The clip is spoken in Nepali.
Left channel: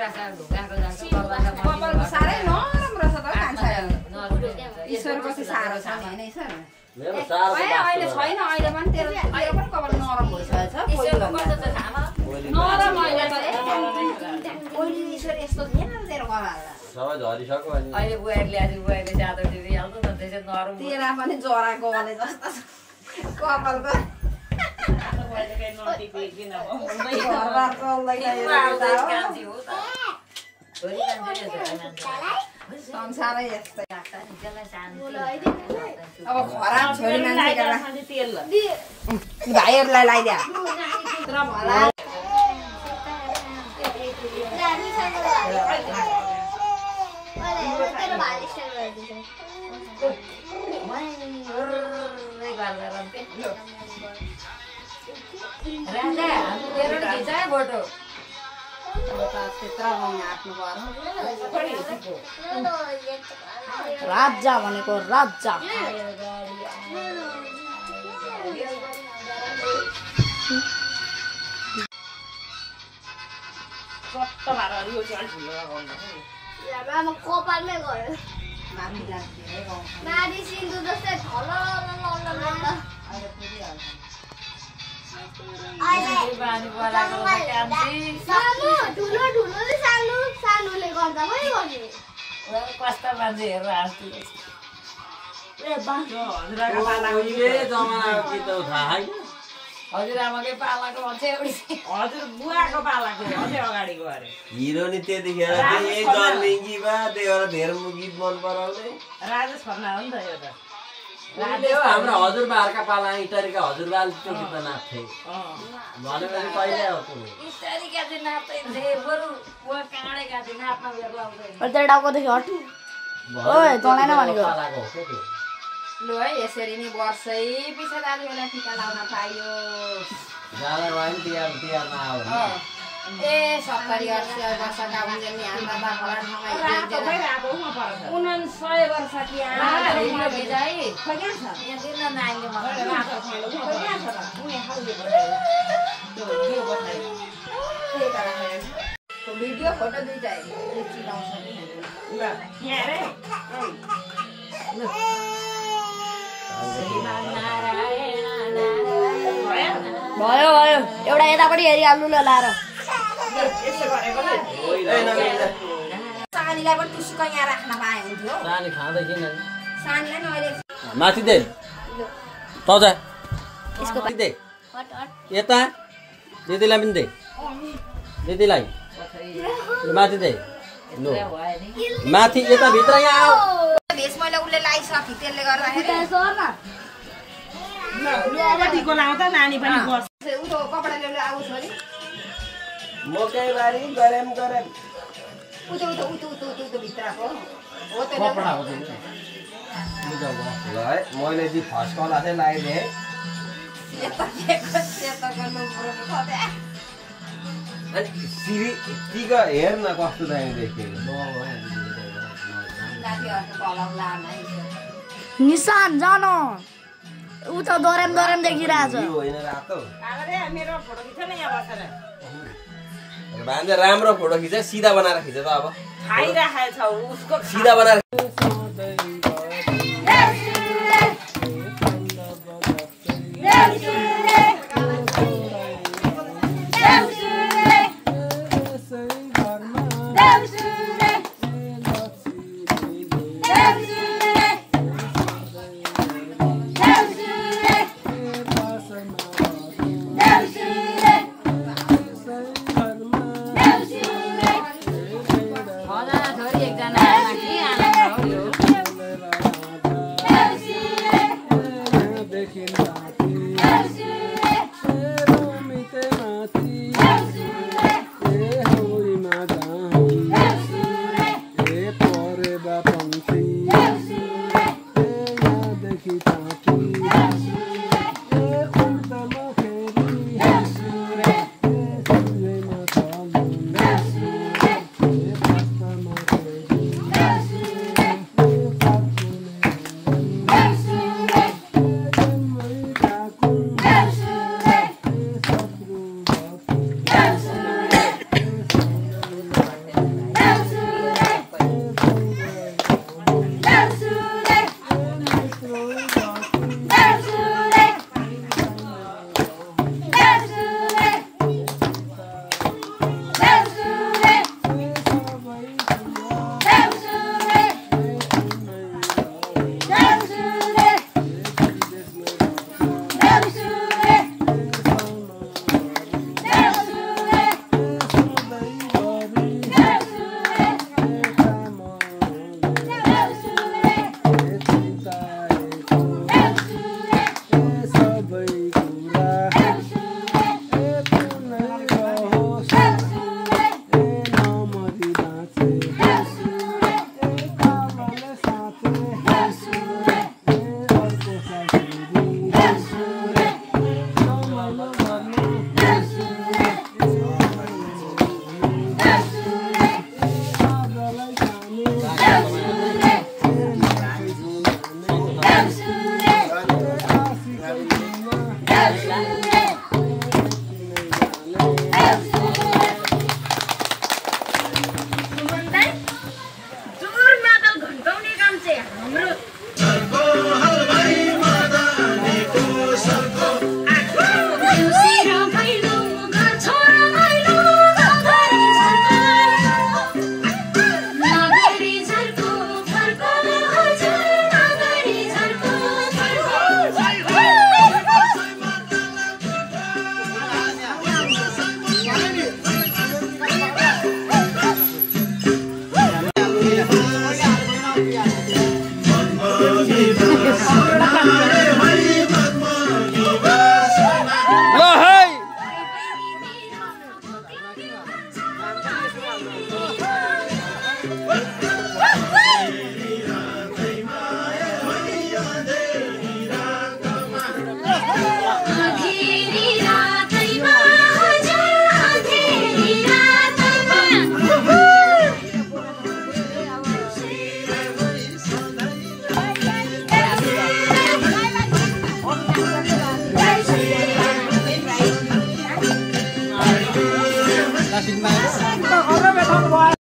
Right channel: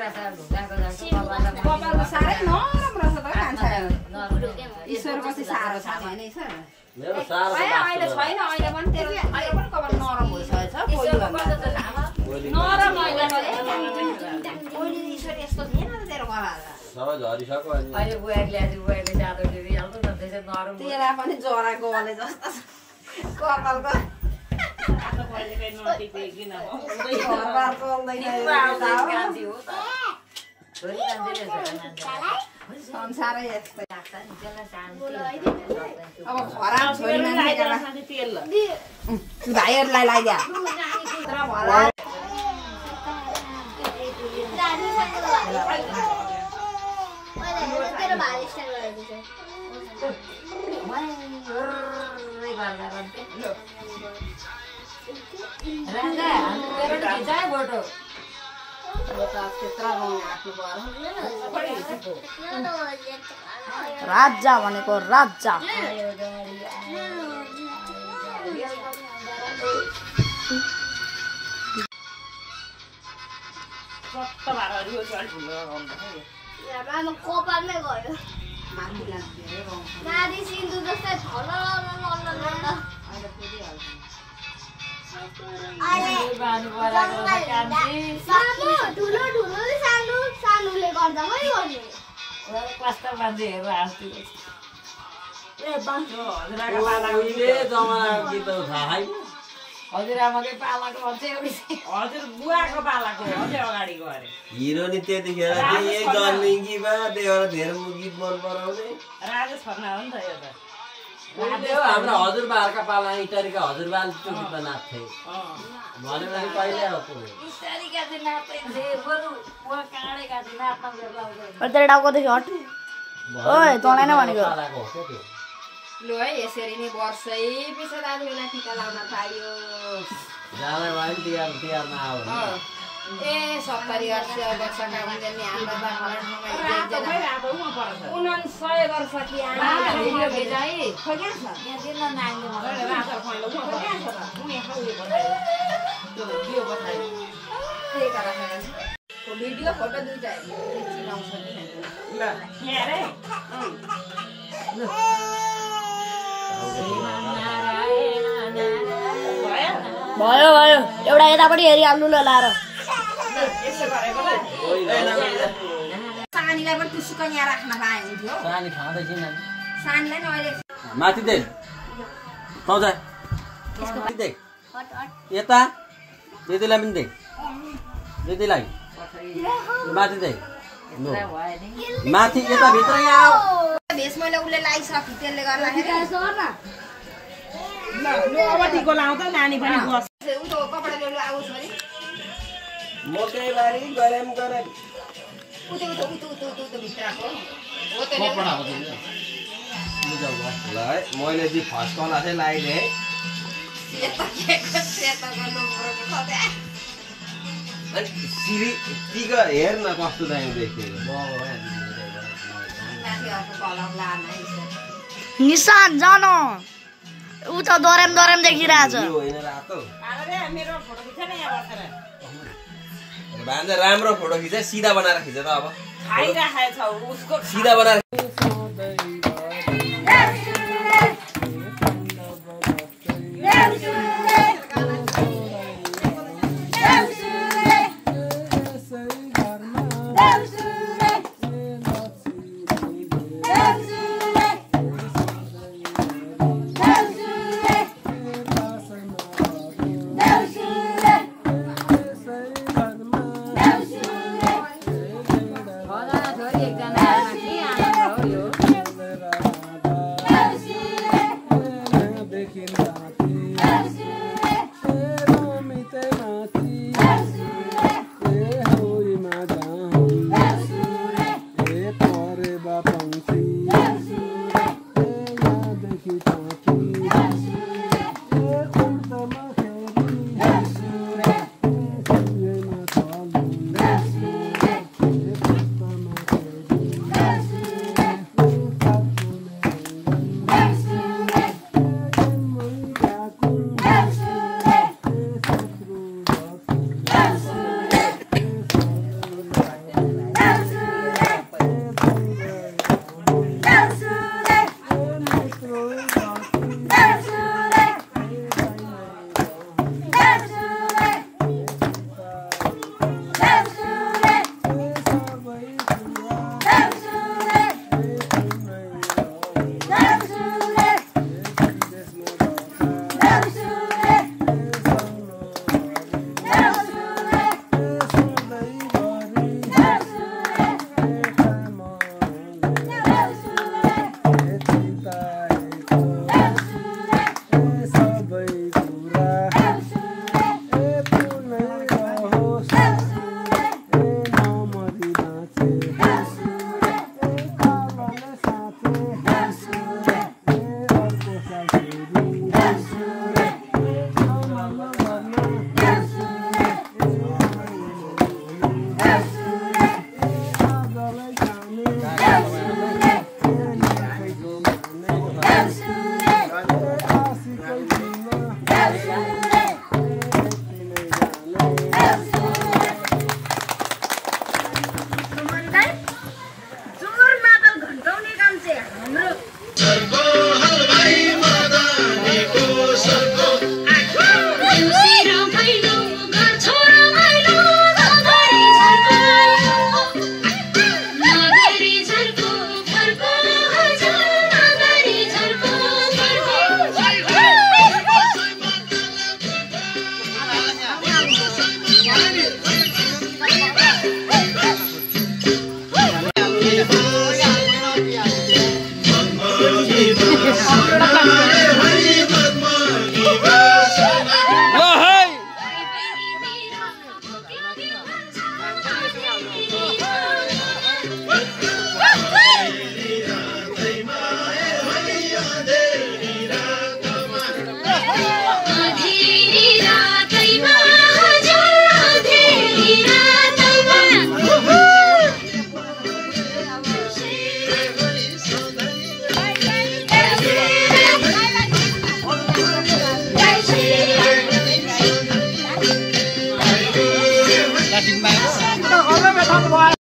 कपाल साह्रै नरम रहेछ त मान्छे ईश्वर कति साह्रो छ नि हैन ईश्वर मेरो साह्रो अहिले छैन अहिले पनि तेरो पनि कपाल नरम भइसकेछ नरम अहिले ईश्वर यस्तो थिएन तेरो कपाल सबै झरिसक्यो अनि अहिले बुहारीले आज बुहारीको जादो दिइहाल्छ न त्यसै नरम तेरा पनि जरा गले जस्तो कपालको मैले कहीँ नटिको एकदिन अब घरबार चल्दैन संसारै यस्तै अब खराब छोरी मान्छेका भाइहरूलाई लगाइदिया राजा भनेको राजा कपालमै गयो माथि सिन्दु जस्तै ठुलो ठुलोले सानोले गर्दा पनि गर्ने कस्ता मान्छे हेरेर हाँस्छु जमानाको गीत थाहा है हजुरआमाकै पालाको भन्छ एउटी हजुर बुवाको पालाको अझै अगाडिको अरे हिरो नि त्यतिखेर यही जन्मिङ्गीमा त्यही भएर धेरै गीत मन पराउने राजेश खन्ना हो नि त यो त हाम्रो हजुरबाहरूका पाला इटरीका हजुरबाले त्यो गीत नाच्थे भनेपछि कहिले हो इत्यादिका चाहिँ नाच्दैथे बरु बुवा काँडेका चाहिँ नाच्न बेला तेरो टाउकोदेखि हट ओए तँलाई नै भनेको पालाको हो क्या त्यो लु है यसरी नै वर्षै पछि दाजुभाइलाई टिका लाउन पाइयो जाँदा भयो नि तिहारमा आयो ए 70 वर्षका हुन्छन् नि हाम्रो बाबालाई 99 वर्ष कि भिडियो फोटो दुईटा चिनाउँछ भयो भयो एउटा यतापट्टि हेरिहाल्नु ल लाएर सानीलाई पनि टुसुक यहाँ राख्न पाए हुन्थ्यो सानी खाँदैछ नि सानीलाई नि अहिले माथि दे तजा दे यता दिदीलाई पनि दे दिदीलाई माथि दे माथि यता भित्र यहाँ आऊ भेष मैले उसले लाइसक्यो त्यसले गर्दाखेरि अब टिको लाउँदा नानी पनि बस उतो कपडा ल्याउनु आऊ छोरी मकैबारी गरम गरम उतो भित्रको हो त कपडा हो ल है मैले चाहिँ फर्स्ट कला चाहिँ लगाइदिएँ अनि सिरी टिका हेर न कस्तो दामी देखिएको निशान जान ऊ त दोरेम देखिरहेछ होइन रातो मेरो फोटो खिच्छ न यहाँ बसेर भान्जा राम्रो फोटो खिच सिधा बनाएर खिच त अब खाइराखेको छ उसको सिधा बनाएर खतम भयो